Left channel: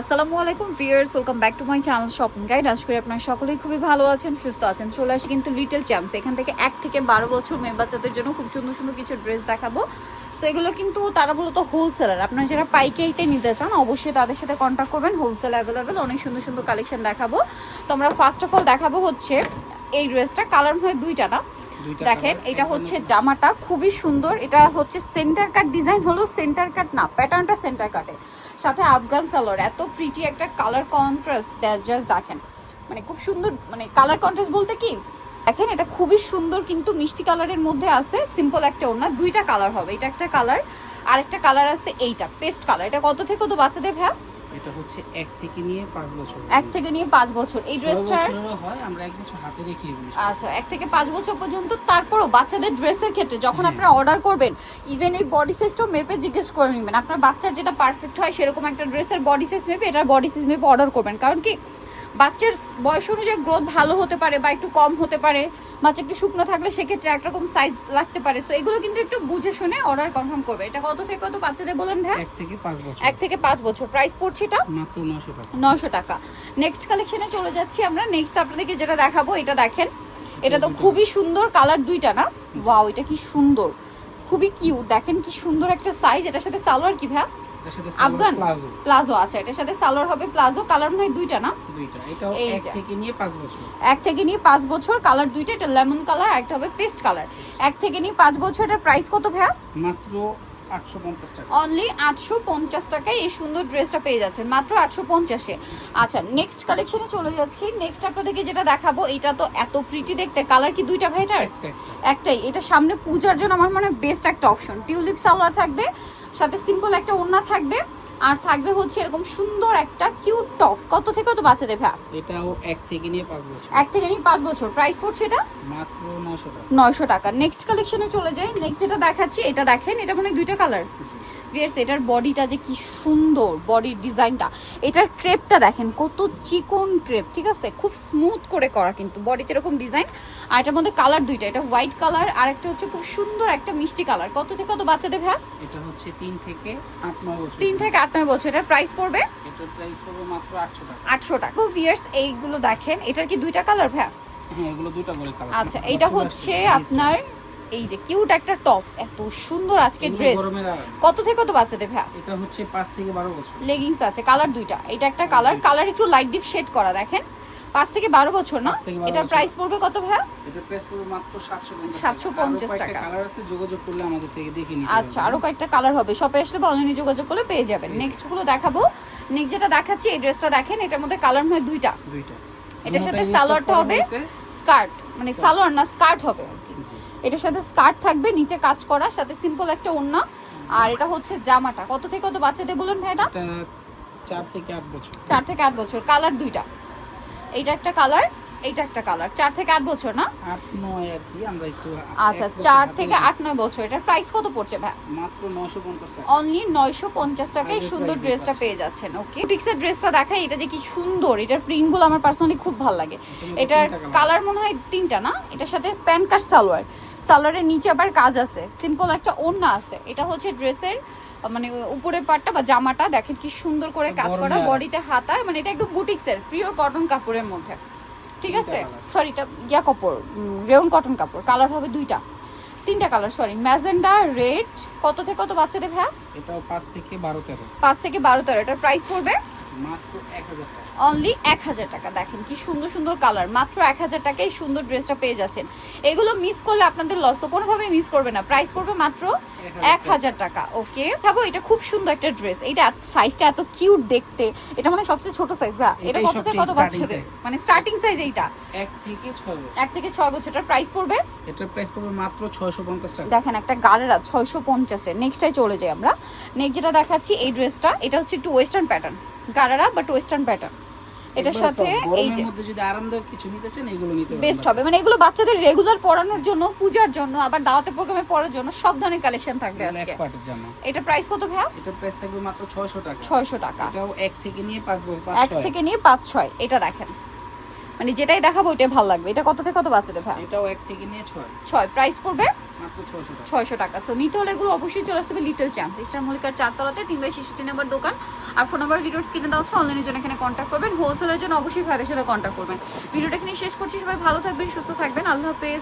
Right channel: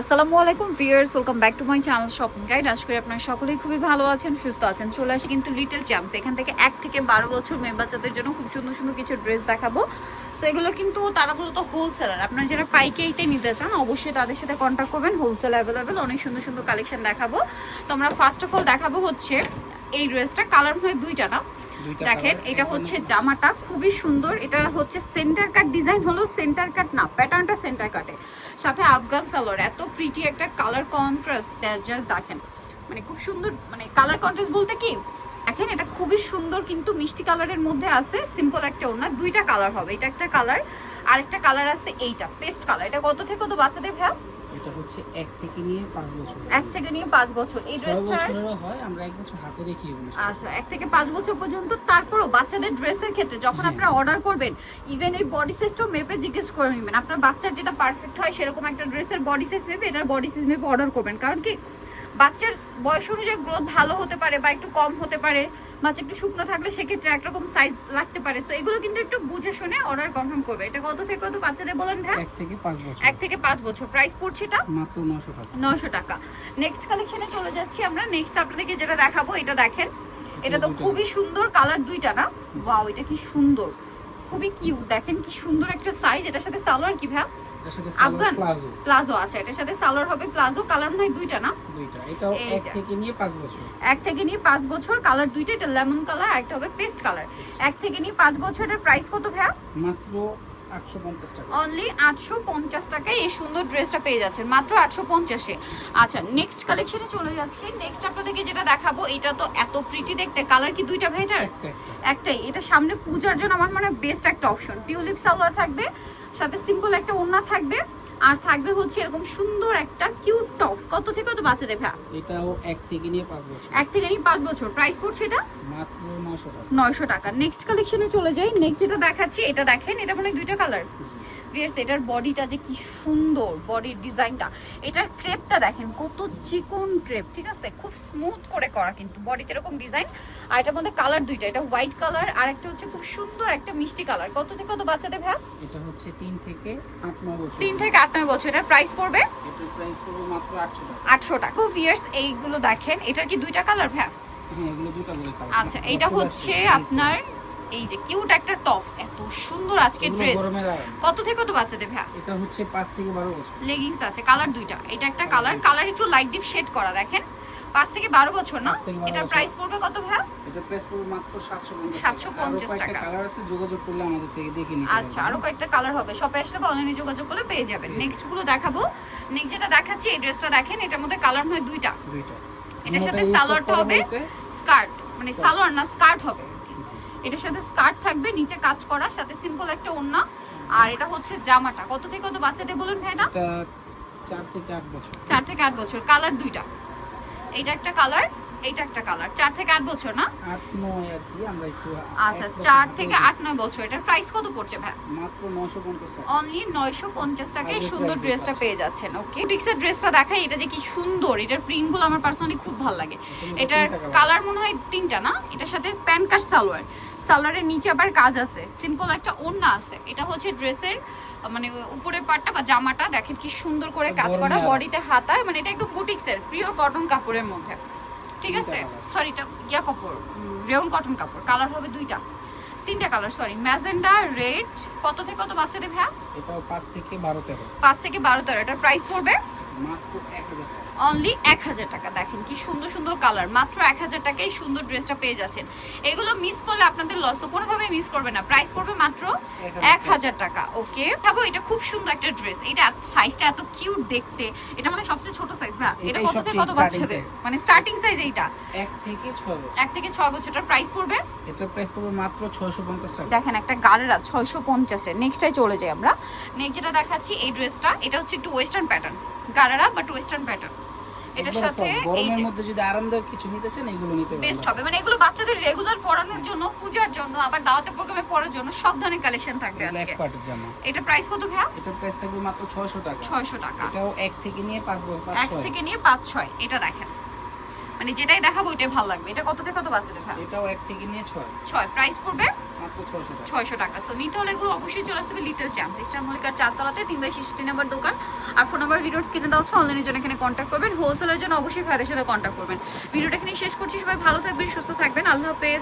আসসালামু আলাইকুম viewers welcome back to my channel shopping guide আশা করি আপনারা সকলেই খুবই ভালো আছেন, সুস্থ আছেন। চলে আসি কিন্তু লিটল চ্যাম্পস এখান থেকে এক থেকে বারো বছর মেয়ে বাচ্চাদের জন্য খুব সুন্দর সুন্দর কিছু ড্রেস দেখাবো। সো এগুলো কিন্তু তারা মূলত হোলসেলার আপনারা যারা পাইকারিতে নিতে চান, অবশ্যই তাদের সাথে কন্ট্যাক্ট করবেন। হোলসেল অ্যাভেলেবেল অনেক সুন্দর সুন্দর কালেকশন দেখাবো। তো আমরা ফার্স্ট অফ অল দেখাবো হচ্ছে এই ড্রেসটা কালার হয় দুইটা না। দেখেন এটা হচ্ছে জামাটা খুবই সুন্দর। এটা হচ্ছে সেন্টার কাট ডিজাইন হলো সেন্টার কাট না প্যাটার্নটা সেন্টার কাটে সাথে আফগান সালোয়ার এত প্রিটি একটা কালার কন্ট্রাস্ট জাস্ট দেখেন। মানে খুব সুন্দর মানে কালার কন্ট্রাস্ট বলতে কি? দেখেন এটা খুবই সুন্দর কিন্তু মিষ্টি কালারের মধ্যে আছে সিম্পল একটা ওড়না দুইটা কালার হবে। এটা একটা কালার আর একটা কালার আছে এইটা পেস্ট কালার এটা কত থেকে কত বাচ্চাদের ভাব এটা হচ্ছে এক থেকে নিয়ে পাঁচ বছর। এক থেকে নিয়ে পাঁচ বছর। এই ড্রেসটা হয় আমরা এক বছর হাতে রেখে আচ্ছা এক থেকে পাঁচ বছর পর্যন্ত তারপরও বাচ্চাদের ড্রেসের ক্ষেত্রে যখন হ্যাঁ। আপনারা অর্ডার করবেন ইভেন এই বডি সাইজটাও মেপে জিজ্ঞেস করে নেবেন। আপনার বাচ্চার যেটা পারফেক্ট হয় সেরকম একটা ড্রেসের বডি সাইজ মেপে এটার বডি সাইজ মেপে অর্ডার করবেন। কারণ কি বাচ্চার বয়স অনুযায়ী গ্রোথ ভালো হতে পারে বা একটু কম হতে পারে বাচ্চা একটু শুকনো থাকলে সেক্ষেত্রে একরকম সাইজ লাগতে পারে। তো এগুলো কিন্তু একটু বুঝে শুনে অর্ডার কনফার্ম করবে। এটা কত থেকে কত বাচ্চাদের বললেন ভাই? এক থেকে পাঁচ বছর। এক থেকে পাঁচ বছর। প্রাইস পড়ছে এটা? মাত্র নশো টাকা। নশো টাকা। নেক্সট কালেকশনে চলে যাচ্ছি আমরা। নেক্সট আপনাদেরকে যেটা দেখাবো এটা দেখেন। এটা তো খুবই সুন্দর কালার দুইটা না? ওয়াও এটা কি সুন্দর। খুবই কিউট দেখেন কি সুন্দর একটা সাইজ এটার সাথে সালোয়ার কি ভাই আফগান? প্লাজো। আছে এটার সাথে সালোয়ার হবে প্লাজো। কালার নয় দুইটা না? দুইটা। এটাও এক থেকে নিয়ে পাঁচ বছর। এক থেকে নিয়ে পাঁচ বছর। কালার দুইটা এটা লেমন কালার একটা হবে পেস্ট কালার এক থেকে নিয়ে পাঁচ বছর এটার প্রাইস কত ভাই মাত্র অনলি আটশো পঞ্চাশ টাকায় এই সুন্দর ড্রেসটা পেয়ে যাচ্ছেন। মাত্র আটশো পঞ্চাশে। আচ্ছা নেক্সট কালেকশনে চলে যাচ্ছি। নেক্সট আপনাদেরকে যেটা দেখাবো এটা তো এত প্রিটি দেখতে। কালার কি দুইটা ভাইটার একটা একটা একটাই। এটা সামনে পূজার জন্য আমার মনে বেস্ট একটা অপশন টিউলিপ সালোয়ার থাকবে সাথে সিম্পল একটা ওড়না থাকবে। আর থাকবে হচ্ছে এরকম সুন্দর একটা কিউট টপস কত থেকে কত বাচ্চাদের ভ্যা এটাও এক থেকে নিয়ে পাঁচ বছর। এক থেকে নিয়ে পাঁচ বছর। প্রাইস পড়ছে এটা? মাত্র নয়শো টাকা। নয়শো টাকা। নেক্সট কালেকশনে চলে যাই। নেক্সট এটা দেখাচ্ছি এটা দেখেন এটা মানে দুইটা কালার ইয়েস এটার বডিটা যে কি সুন্দর বডির ডিজাইনটা এটার ক্রেপটা দেখেন কত চিকন ক্রেপ ঠিক আছে? খুব স্মুথ করে করা কিন্তু বডিতে এরকম ডিজাইন আর এটার মধ্যে কালার দুইটা এটা হোয়াইট কালার আর একটা হচ্ছে খুব সুন্দর একটা মিষ্টি কালার কত থেকে কত বাচ্চাদের ভ্যা এটা হচ্ছে তিন থেকে আট নয় বছর। তিন থেকে আট নয় বছর এটার প্রাইস পড়বে? এটার প্রাইস পড়বে মাত্র আটশো টাকা। আটশো টাকা। খুব ইয়ার্স এইগুলো দেখেন। এটার কি দুইটা কালার ভ্যা হ্যাঁ এগুলো করে কালার আচ্ছা এটা হচ্ছে আপনার এই যে কিউট একটা টপস এত সুন্দর আজকে ড্রেস কত থেকে কত বাচ্চাদের ভ্যা এটা হচ্ছে পাঁচ থেকে বারো বছর। লেগিংস আছে কালার দুইটা। এটা একটা কালার কালার একটু লাইট ডিপ শেড করা দেখেন। পাঁচ থেকে বারো বছর না? এটার প্রাইস পড়বে কত ভাইয়া? এটা প্রাইস পড়বে মাত্র 750 750 টাকা। কালার আছে যোগাযোগ করলে আমাদের থেকে দেখে নিতে আচ্ছা আরও কয়েকটা কালার হবে। শপে আসলে অনলাইনে যোগাযোগ করলে পেয়ে যাবেন। নেক্সটগুলো দেখাবো। নেক্সট যেটা দেখাচ্ছি এই ড্রেসটা দেখেন এটার মধ্যে কালার হয় দুইটা। দুইটা। এটার সাথে সালোয়ারটা হবে স্কার্ট মানে সালোয়ার না স্কার্ট হবে। এটার সাথে স্কার্ট থাকবে নিচে কাজ করা সাথে সিম্পল একটা ওড়না। আর এটা হচ্ছে জামাটা। কত থেকে কত বাচ্চাদের বলুন ভাইটা চার থেকে আট বছর। চার থেকে আট বছর। কালার দুইটা। এইটা একটা কালার এইটা একটা কালার চার থেকে আট বছর না? আট নয় আর কি আমরা একটু আচ্ছা চার থেকে আট নয় বছর। এটার প্রাইস কত পড়ছে ভাই? মাত্র নশো পঞ্চাশ টাকা। অনলি নয়শো পঞ্চাশ টাকায় সুন্দর ড্রেসটা পেয়ে যাচ্ছেন ওকে টিক্সের ড্রেসটা দেখাই এটা যে কি সুন্দর এটার প্রিন্টগুলো আমার পার্সোনালি খুব ভালো লাগে। এটার কালার মনে হয় তিনটা না? এটার সাথে প্যান্ট কাট সালোয়ার। সালোয়ারের নিচে আবার কাজ আছে। সিম্পল একটা ওড়না আছে। এটা হচ্ছে ড্রেসের মানে উপরের পাটটা বা জামাটা দেখেন কি সুন্দর করে কাজ করা। বডিতে হাতায় মানে এটা একদম বুটিক্সের পিওর কটন কাপড়ের মধ্যে। ঠিক আছে। সরি এটা ইয়া কাপড় রেউন কটন কাপড়। কালার হবে দুইটা। তিনটা কালার সরি ম্যাজেন্ডা রেড কত থেকে কত বাচ্চাদের ভাই এটাও পাঁচ থেকে বারো তেরো। পাঁচ থেকে বারো তেরো। এটার প্রাইস পড়বে? অনলি এক হাজার টাকা। দেখেন কি সুন্দর সুন্দর কালার মাত্র এক হাজার টাকায় সুন্দর ড্রেসটা পেয়ে যাচ্ছেন। এগুলো মিস করলে আপনাদের লস তো কোনোভাবে মিস করবে না। প্রাইস পড়বে মাত্র এক হাজার টাকা। ওকে ভাবো এটা খুব সুন্দর একটা ড্রেস এটা সাইজটা এত কিউট দেখতে। এটা মানে সবচেয়ে ছোট সাইজ ভাই এটা কত থেকে কত বাচ্চাদের? মানে স্টার্টিং সাইজ এইটা। এক থেকে ছয় এক থেকে ছয় বছরটার প্রাইস পড়বে? এটার প্রাইস পড়বে মাত্র ছয়শো পঞ্চাশ টাকা। দেখেন একটা গাড়েরা ছয়শো পঞ্চাশে নেক্সটাই চলে যাই আমরা। নেক্সট যেটা দেখাচ্ছি এই ড্রেসটা এটা হচ্ছে একটু ওয়েস্টার্ন প্যাটার্ন গাড়ারা বাট ওয়েস্টার্ন প্যাটার্ন এটার সাথে এই যে মধ্যে যদি আরামদায়ক কিছু নিতে চান এগুলো নিতে বেস্ট হবে। মানে এগুলো বাচ্চাদের রেগুলার পড়ানোর জন্য পূজার জন্য আবার দাওয়াতে প্রোগ্রামে পড়ার জন্য সব ধরনের কালেকশন থাকবে আজকে। জামা এটা প্রাইস কত ভাই এটা প্রাইস থাকবে মাত্র ছয়শো টাকা। ছয়শো টাকা। এটাও এক থেকে নিয়ে পাঁচ বছর পাঁচ এক ছয়। থেকে নিয়ে পাঁচ ছয়। এটা দেখেন। মানে যেটাই দেখাবো ওইটাই ভালো লাগবে। এটা কত থেকে কত বাচ্চাদের ভাই এটাও এক থেকে নিয়ে ছয়। ছয়। প্রাইস পড়বে? মাত্র ছয়শো টাকা। সো নিতে হলে এগুলো অবশ্যই চলে আসতে হবে লিটল চ্যাম্পস ইস্টার মল্লিকার চারতলাতে তিন বাই ছেষট্টি নাম্বার দোকান। আর ফোন নাম্বার ভিডিও কিনে দেওয়া হচ্ছে অনলাইনের জন্য এখানে কন্ট্যাক্ট করবেন। হোলসেলের জন্য অবশ্যই ভাইদের সাথে কন্ট্যাক্ট করবেন। ভিডিওটা এখানে শেষ করছি। সবাই ভালো থাকবেন সুস্থ থাকবেন। আল্লাহ হাফেজ।